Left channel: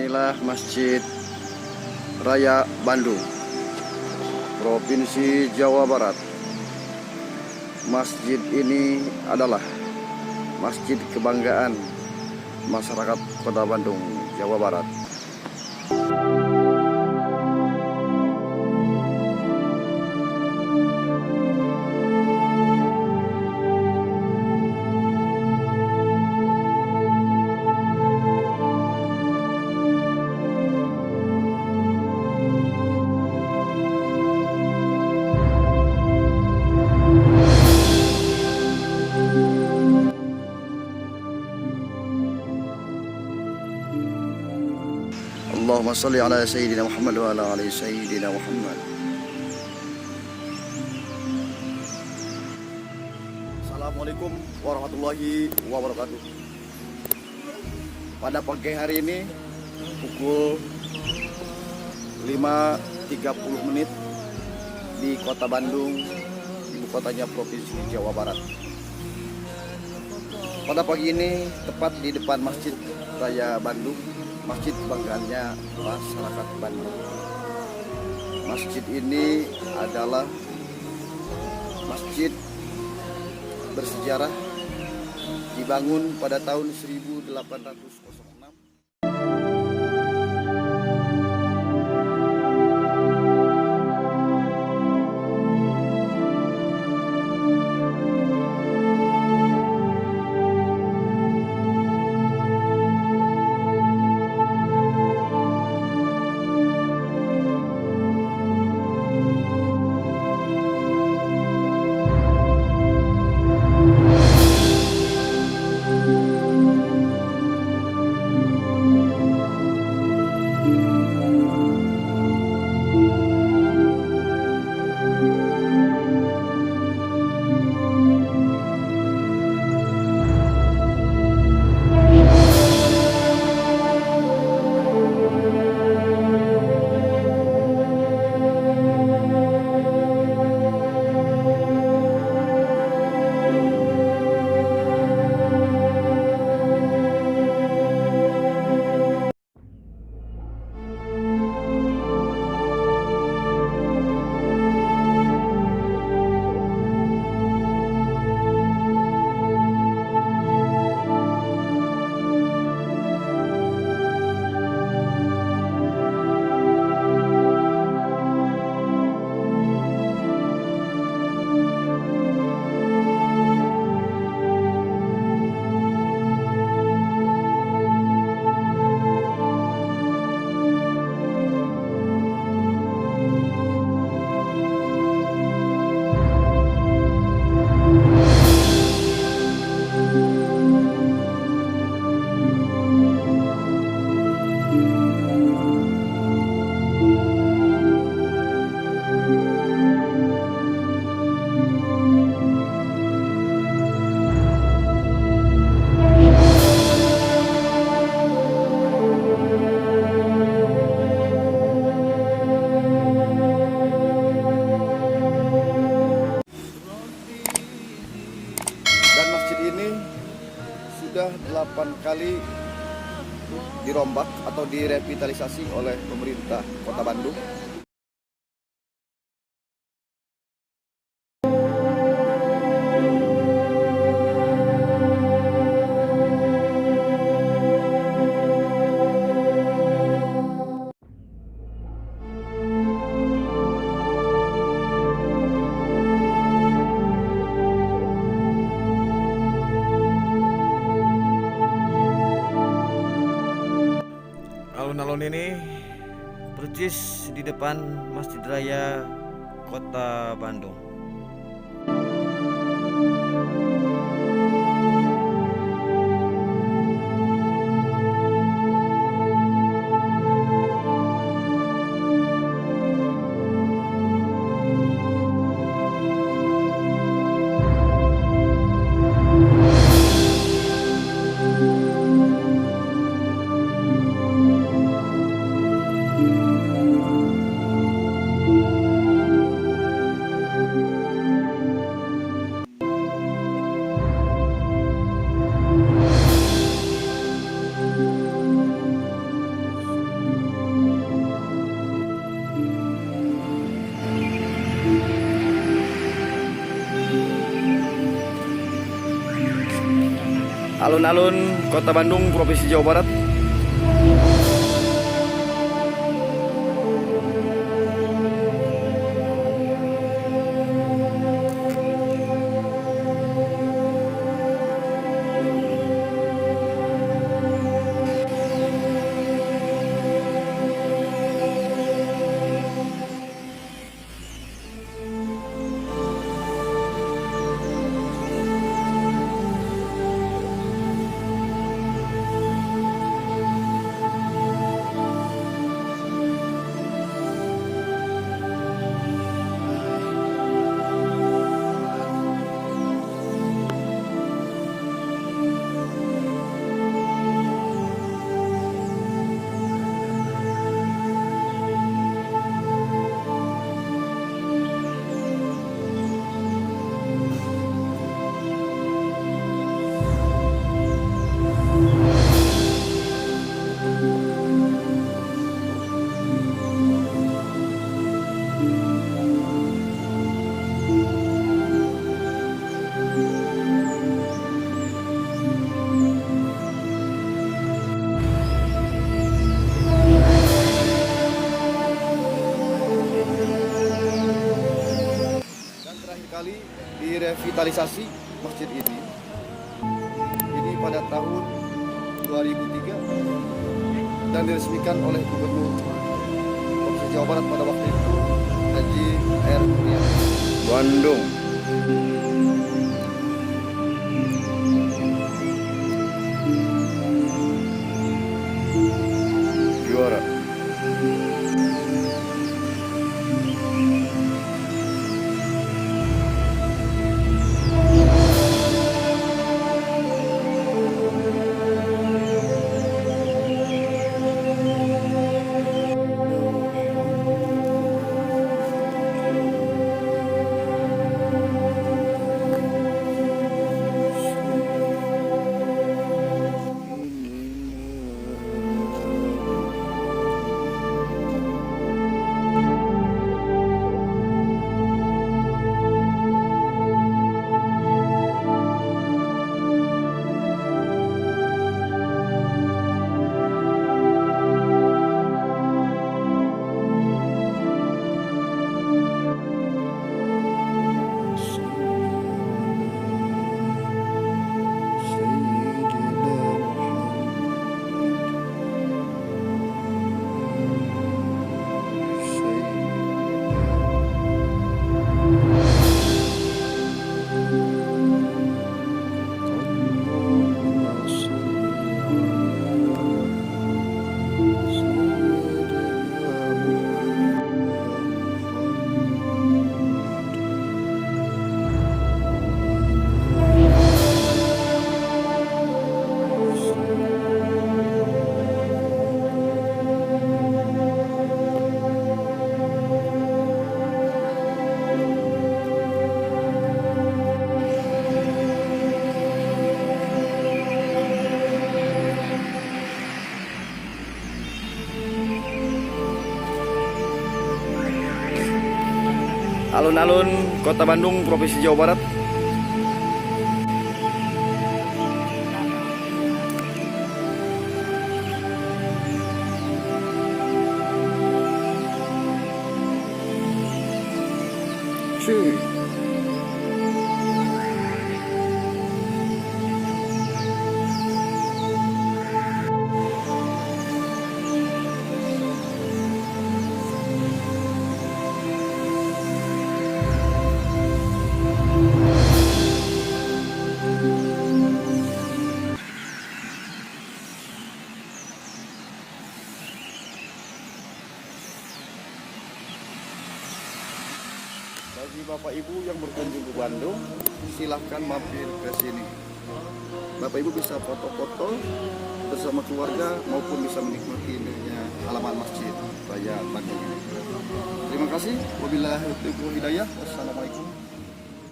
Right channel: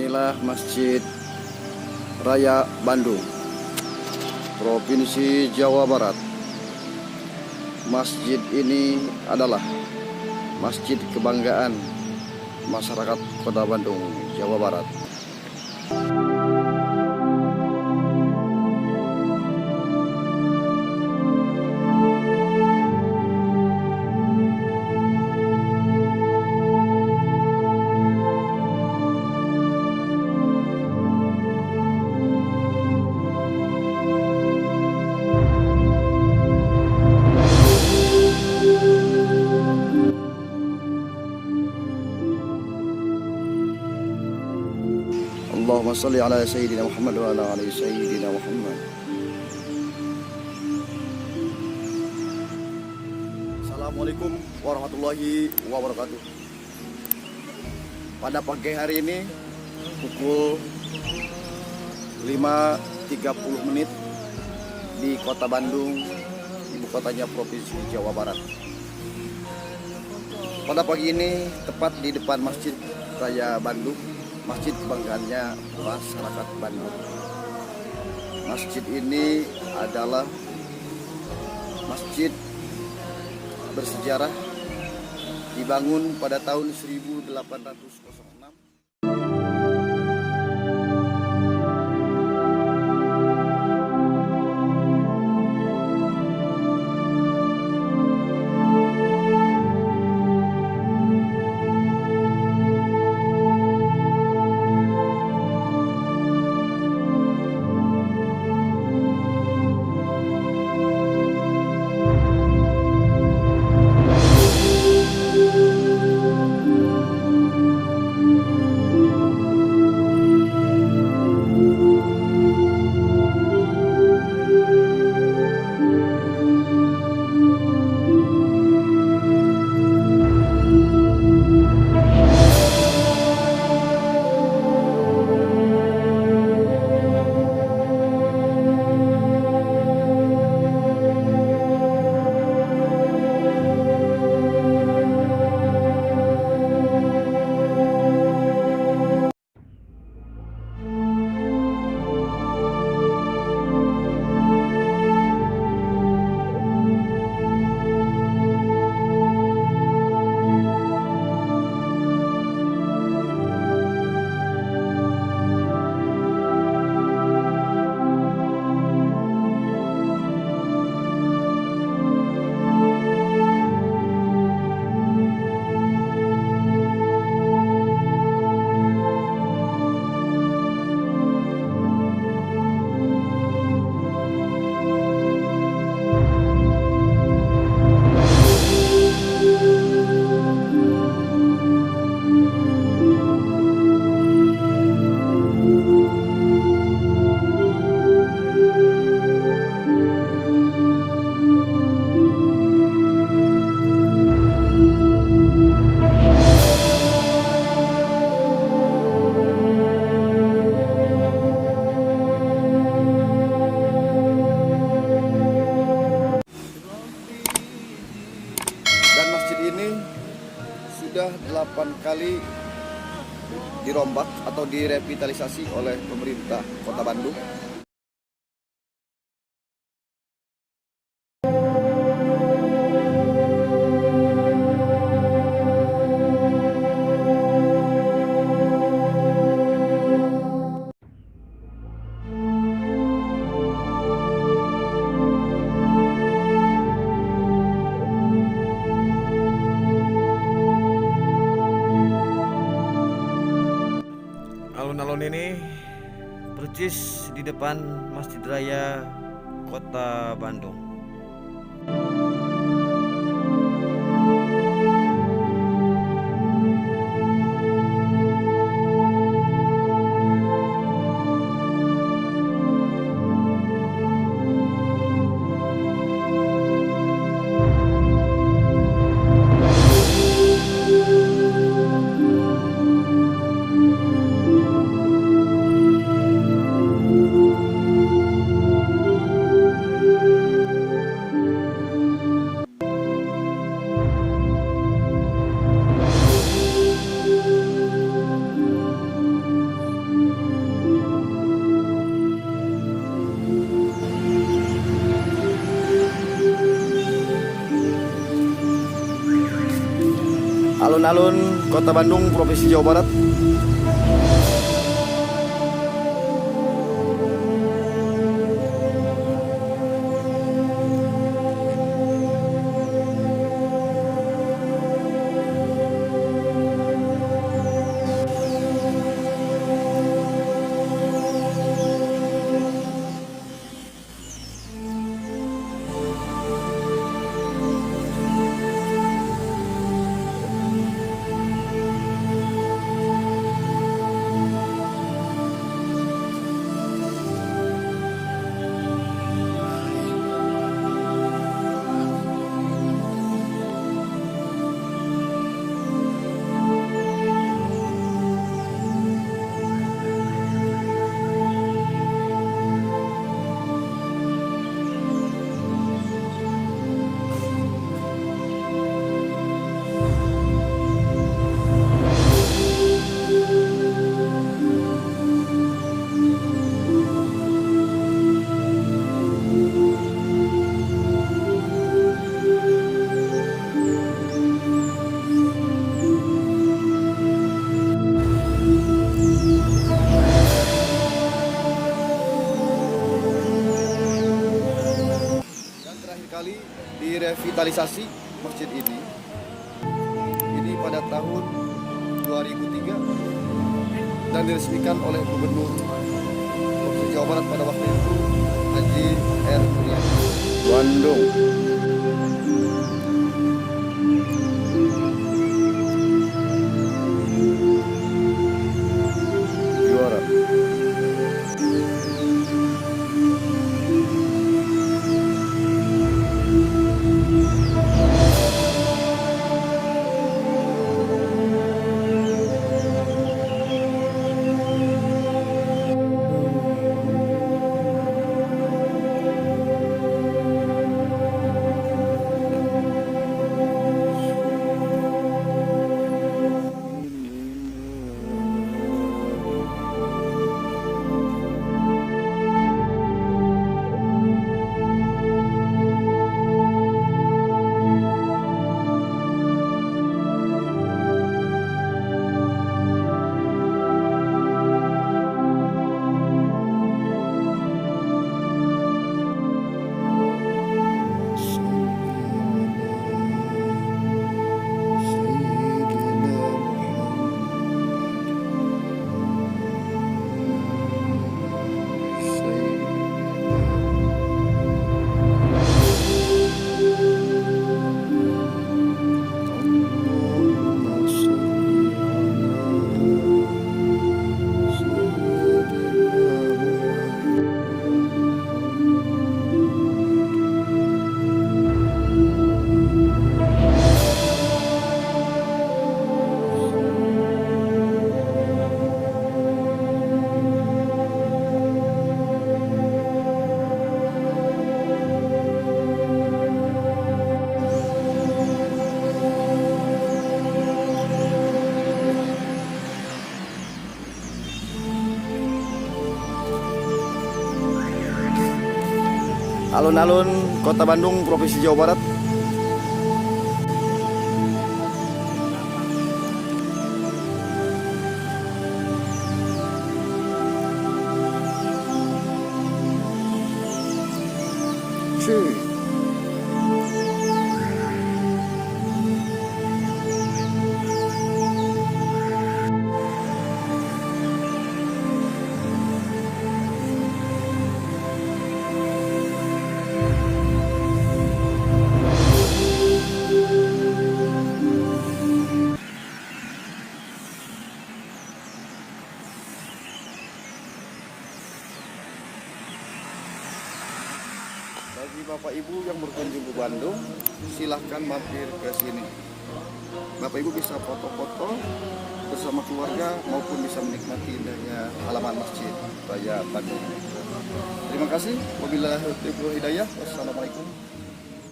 Inilah Masjid Raya Bandung, Provinsi Jawa Barat. Masjid ini adalah masjid kebanggaan masyarakat Kota Bandung, Jawa Barat. Allahumma salli ala Sayyidina Muhammad wa ala ali Sayyidina Muhammad. Assalamualaikum warahmatullahi wabarakatuh. Pada pagi hari ini pukul 5.30 di Kota Bandung, ibu kotanya Provinsi Jawa Barat. Pada pagi ini tepat di depan Masjid Raya Bandung, masjid kebanggaannya masyarakat Bandung. Masjid ini adalah masjid bersejarah, dibangun pada tahun 1806. Dan masjid ini sudah 8 kali dirombak atau direvitalisasi oleh pemerintah Kota Bandung. Alun-alun ini persis di depan Masjid Raya Kota Bandung. Alun-alun Kota Bandung, Provinsi Jawa Barat. Kali direvitalisasi masjid ini pada tahun 2003 dan diresmikan oleh Gubernur Provinsi Jawa Barat pada waktu itu Haji R. Mulyadi. Bandung. Juara. Alun-alun Kota Bandung, Provinsi Jawa Barat. Bagi Bapak Ibu yang berkunjung ke Bandung, silahkan mampir ke sini. Bapak Ibu bisa foto-foto bersama keluarga maupun bisa menikmati indahnya halaman Masjid Raya Bandung ini. Terima kasih. Wabillahi taufiq wal hidayah. Wassalamualaikum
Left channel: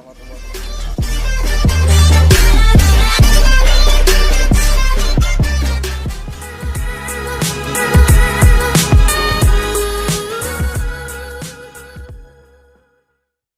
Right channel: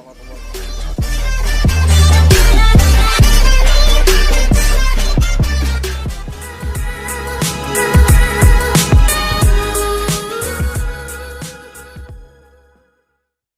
warahmatullahi wabarakatuh.